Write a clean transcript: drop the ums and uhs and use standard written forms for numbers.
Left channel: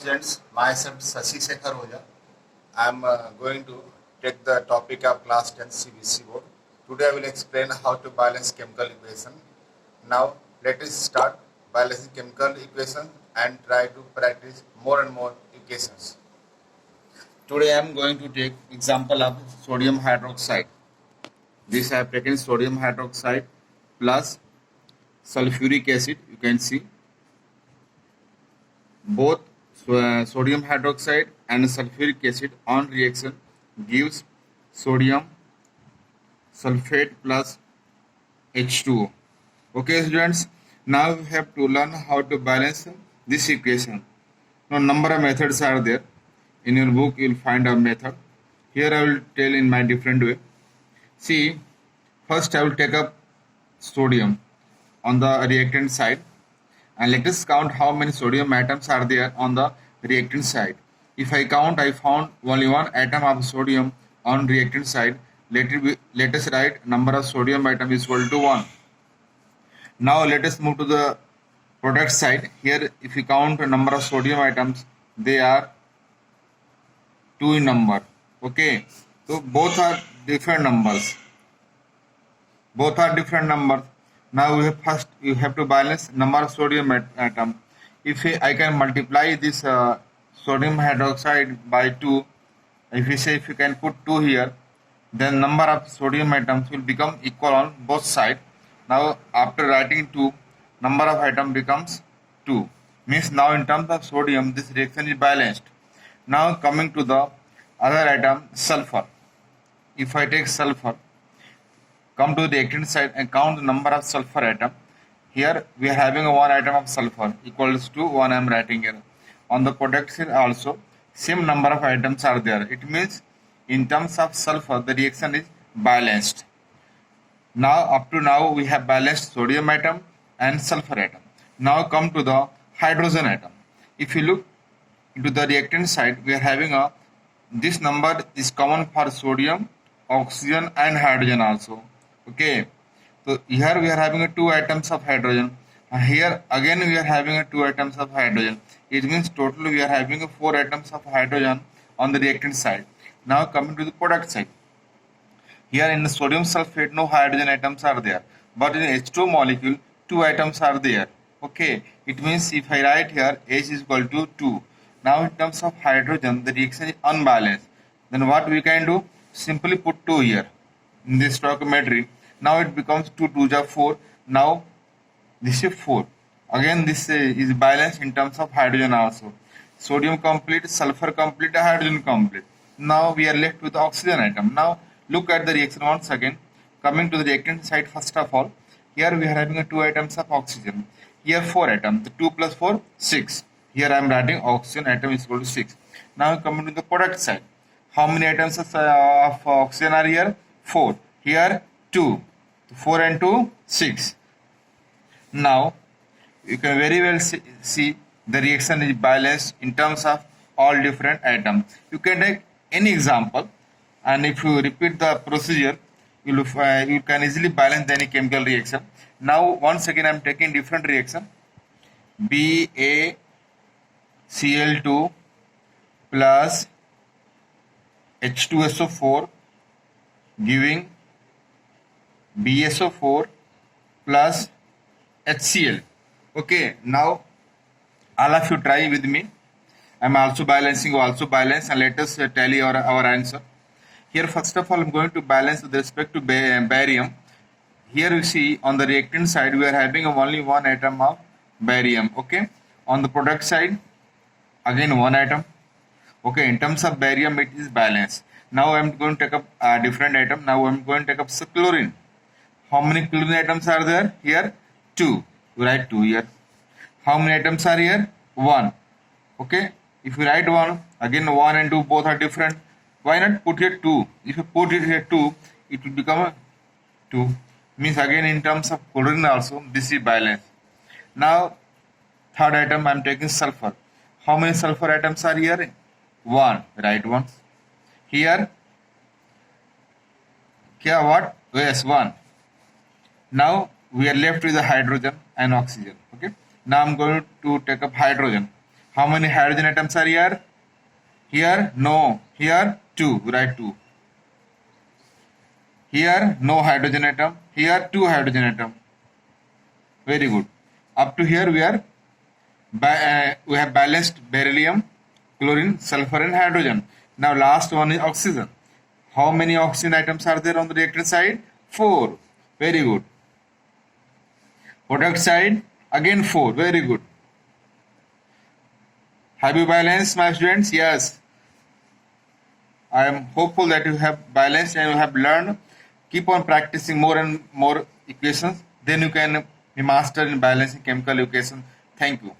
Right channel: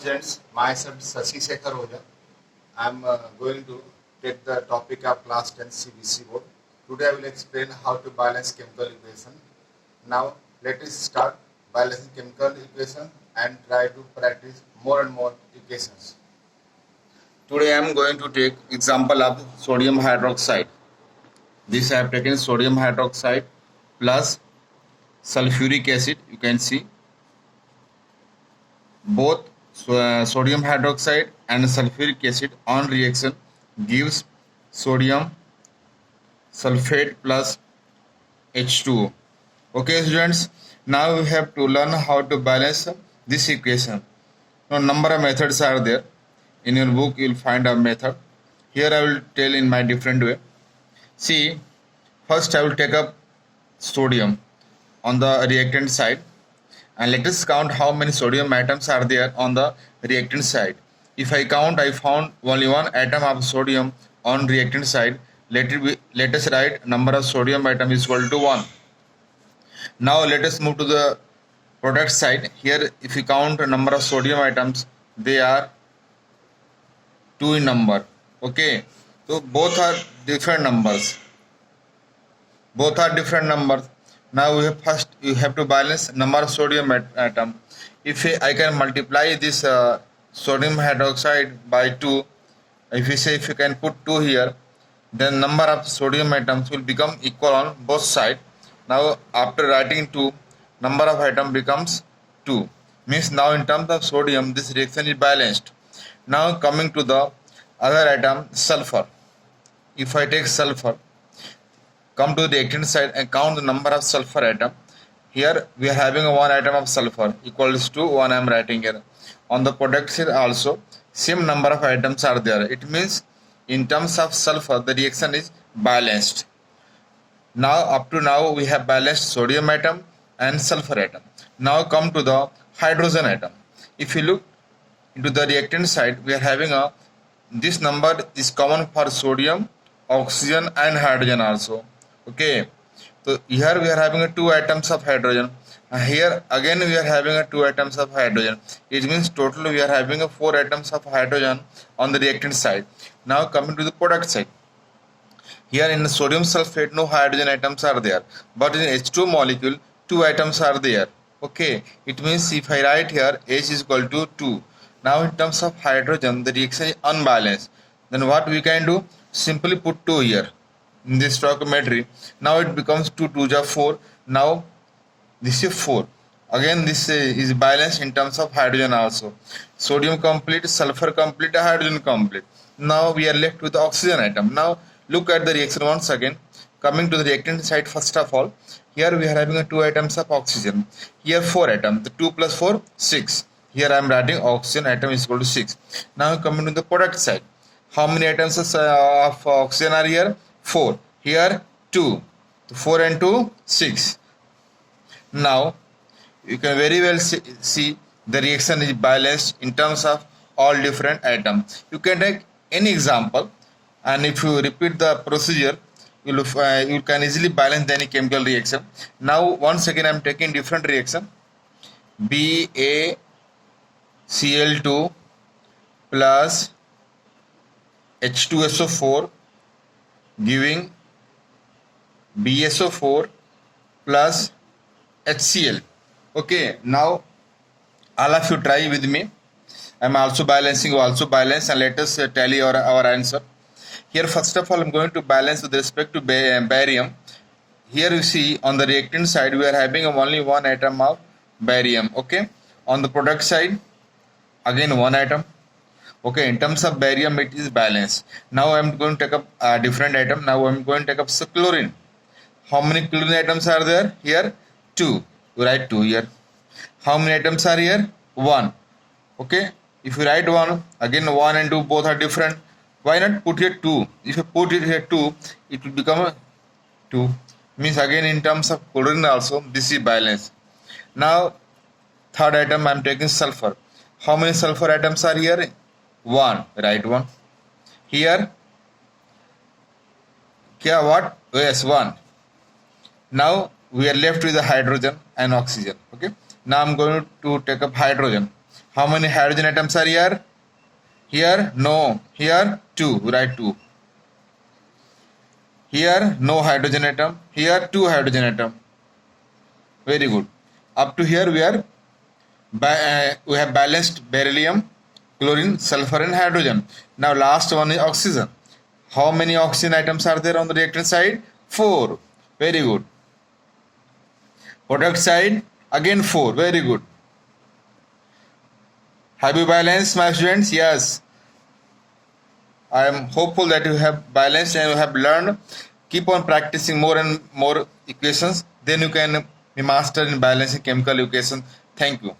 Students, myself Sashi Sekhar Oja. I am going to take the topic of class 10 CBC board. Today I will explain how to balance chemical equation. Now let us start balancing chemical equation and try to practice more and more equations. Today I am going to take example of sodium hydroxide. This I have taken sodium hydroxide plus sulfuric acid. You can see both sodium hydroxide and sulfuric acid on reaction gives sodium sulfate plus H2O. Okay students, now we have to learn how to balance this equation. Now number of methods are there. In your book you will find a method. Here I will tell in my different way. See, first I will take up sodium on the reactant side, and let us count how many sodium atoms are there on the reactant side. If I count, I found only one atom of sodium on reactant side. Let us write number of sodium atom is equal to 1. Now let us move to the product side. Here if we count the number of sodium atoms, they are 2 in number. Okay, so both are different numbers. Now you have to balance number of sodium atom. If I can multiply this sodium hydroxide by 2, if you can put 2 here, then number of sodium atoms will become equal on both sides. Now after writing 2, number of atom becomes 2. Means now in terms of sodium, this reaction is balanced. Now coming to the other atom, sulfur. If I take sulfur, come to the reactant side and count the number of sulfur atom. Here we are having one atom of sulfur equals to 1. I am writing here. On the product side also same number of atoms are there. It means in terms of sulfur the reaction is balanced. Now up to now we have balanced sodium atom and sulfur atom. Now come to the hydrogen atom. If you look into the reactant side, we are having this number is common for sodium, oxygen and hydrogen also. Okay, so here we are having 2 atoms of hydrogen. Here again we are having 2 atoms of hydrogen. It means total we are having 4 atoms of hydrogen on the reactant side. Now coming to the product side. Here in the sodium sulfate no hydrogen atoms are there, but in H2 molecule 2 atoms are there. Okay, it means if I write here H is equal to 2. Now in terms of hydrogen the reaction is unbalanced. Then what we can do? Simply put 2 here in this stoichiometry. Now it becomes 2 2s are 4. Now this is 4. Again this is balanced in terms of hydrogen also. Sodium complete, sulfur complete, hydrogen complete. Now we are left with the oxygen atom. Now look at the reaction once again. Coming to the reactant side, first of all, here we are having 2 atoms of oxygen. Here 4 atoms. The 2 plus 4, 6. Here I am writing oxygen atom is equal to 6. Now coming to the product side. How many atoms of oxygen are here? 4. Here 2. 4 and 2, 6. Now you can very well see the reaction is balanced in terms of all different atoms. You can take any example, and if you repeat the procedure, you can easily balance any chemical reaction. Now once again I am taking different reaction. BaCl2 plus H2SO4 giving BSO4 plus HCl. Okay, now all of you try with me. I am also balancing, you also balance, and let us tally our answer. Here first of all I am going to balance with respect to barium. Here you see on the reactant side we are having only 1 atom of barium. Okay, on the product side again 1 atom. Okay, in terms of barium it is balanced. Now I am going to take up a different atom. Now I am going to take up chlorine. How many chlorine atoms are there? Here 2. You write 2 here. How many atoms are here? 1. Okay, if you write 1, again 1 and 2 both are different. Why not put here 2? If you put it here 2, it will become a 2. Means again in terms of chlorine also this is balanced. Now third item I am taking sulfur. How many sulfur atoms are here? 1. Write 1. Here what? Yes, 1. Now we are left with the hydrogen and oxygen. Okay, now I am going to take up hydrogen. How many hydrogen atoms are here? Here, no. Here, 2. Write 2. Here, no hydrogen atom. Here, 2 hydrogen atom. Very good. Up to here, we have balanced beryllium, chlorine, sulfur, and hydrogen. Now, last one is oxygen. How many oxygen atoms are there on the reactant side? 4. Very good. Product side, again 4. Very good. Have you balanced, my students? Yes. I am hopeful that you have balanced and you have learned. Keep on practicing more and more equations. Then you can be master in balancing chemical equations. Thank you.